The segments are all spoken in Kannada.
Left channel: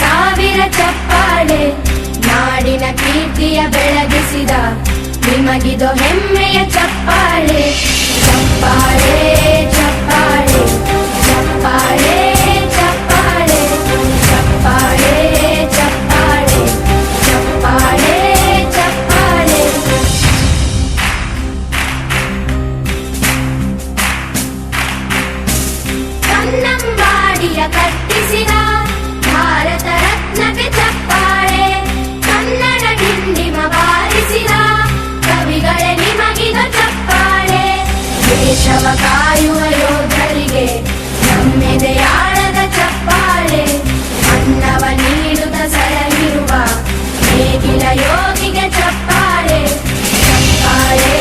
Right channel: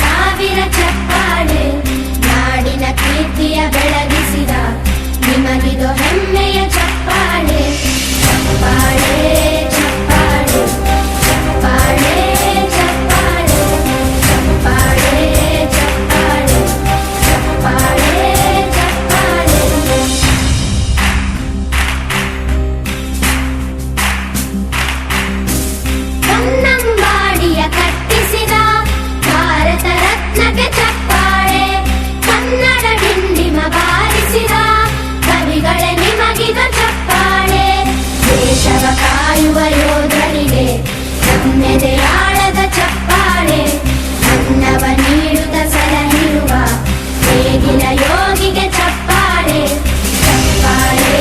ಸಾವಿರ ಚಪ್ಪಾಳೆ, ನಾಡಿನ ಕೀರ್ತಿಯ ಬೆಳಗಿಸಿದ ನಿಮಗಿದು ಹೆಮ್ಮೆಯ ಚಪ್ಪಾಳೆ. ಚಪ್ಪಾಳೆ ಚಪ್ಪಾಳೆ ಚಪ್ಪಾಳೆ ಚಪ್ಪಾಳೆ ಚಪ್ಪಾಳೆ ಚಪ್ಪಾಳೆ ಚಪ್ಪಾಳೆ ಚಪ್ಪಾಳೆ. ಕನ್ನಂಬಾಡಿಯ ಕಟ್ಟಿಸಿದ ಭಾರತ ರತ್ನಕ್ಕೆ ಚಪ್ಪಾಳೆ, ಕನ್ನಡ ಡಿಂಡಿಮ ಬಾರಿಸಿದ ಕವಿಗಳೇ ನಿಮಗಿದು ಚಪ್ಪಾಳೆ. ದೇಶವ ಕಾಯುವ ಯೋಧರಿಗೆ ನಮ್ಮೆದೆಯಾಳದ ಚಪ್ಪಾಳೆ, ಅನ್ನವ ನೀಡುತ್ತ ಸಲಹಿರುವ ನೇಗಿಲ ಯೋಗಿಗೆ ಚಪ್ಪಾಳೆ. ಚಪ್ಪಾಳೆ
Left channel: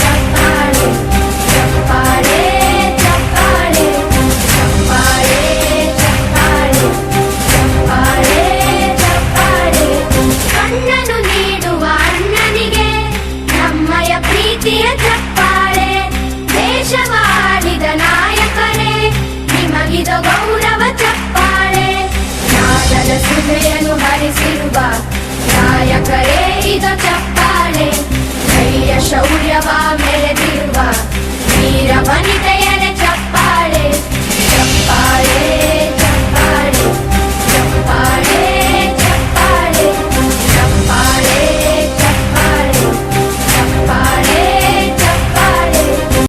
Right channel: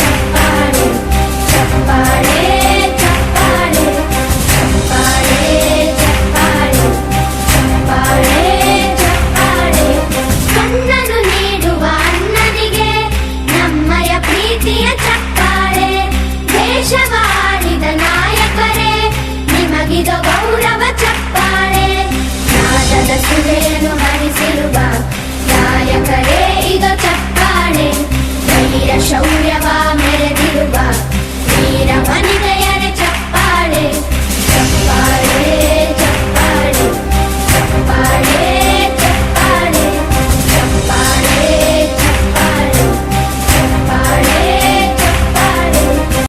ಚಪ್ಪಾಳೆ ಚಪ್ಪಾಳೆ ಚಪ್ಪಾಳೆ ಚಪ್ಪಾಳೆ ಚಪ್ಪಾಳೆ ಚಪ್ಪಾಳೆ ಚಪ್ಪಾಳೆ. ಕಣ್ಣನು ನೀಡುವ ಅಣ್ಣನಿಗೆ ನಮ್ಮಯ ಪ್ರೀತಿಯ ಚಪ್ಪಾಳೆ, ದೇಶವಾಡಿದ ನಾಯಕರೇ ನಿಮಗಿದು ಗೌರವ ಚಪ್ಪಾಳೆ. ನಾದದ ಸುಧೆಯನ್ನು ಹರಿಸಿರುವ ನಾಯಕರೇ ಇದು ಚಪ್ಪಾಳೆ, ಧೈರ್ಯ ಶೌರ್ಯವ ಮೆರೆದಿರುವ ವೀರ ವನಿತ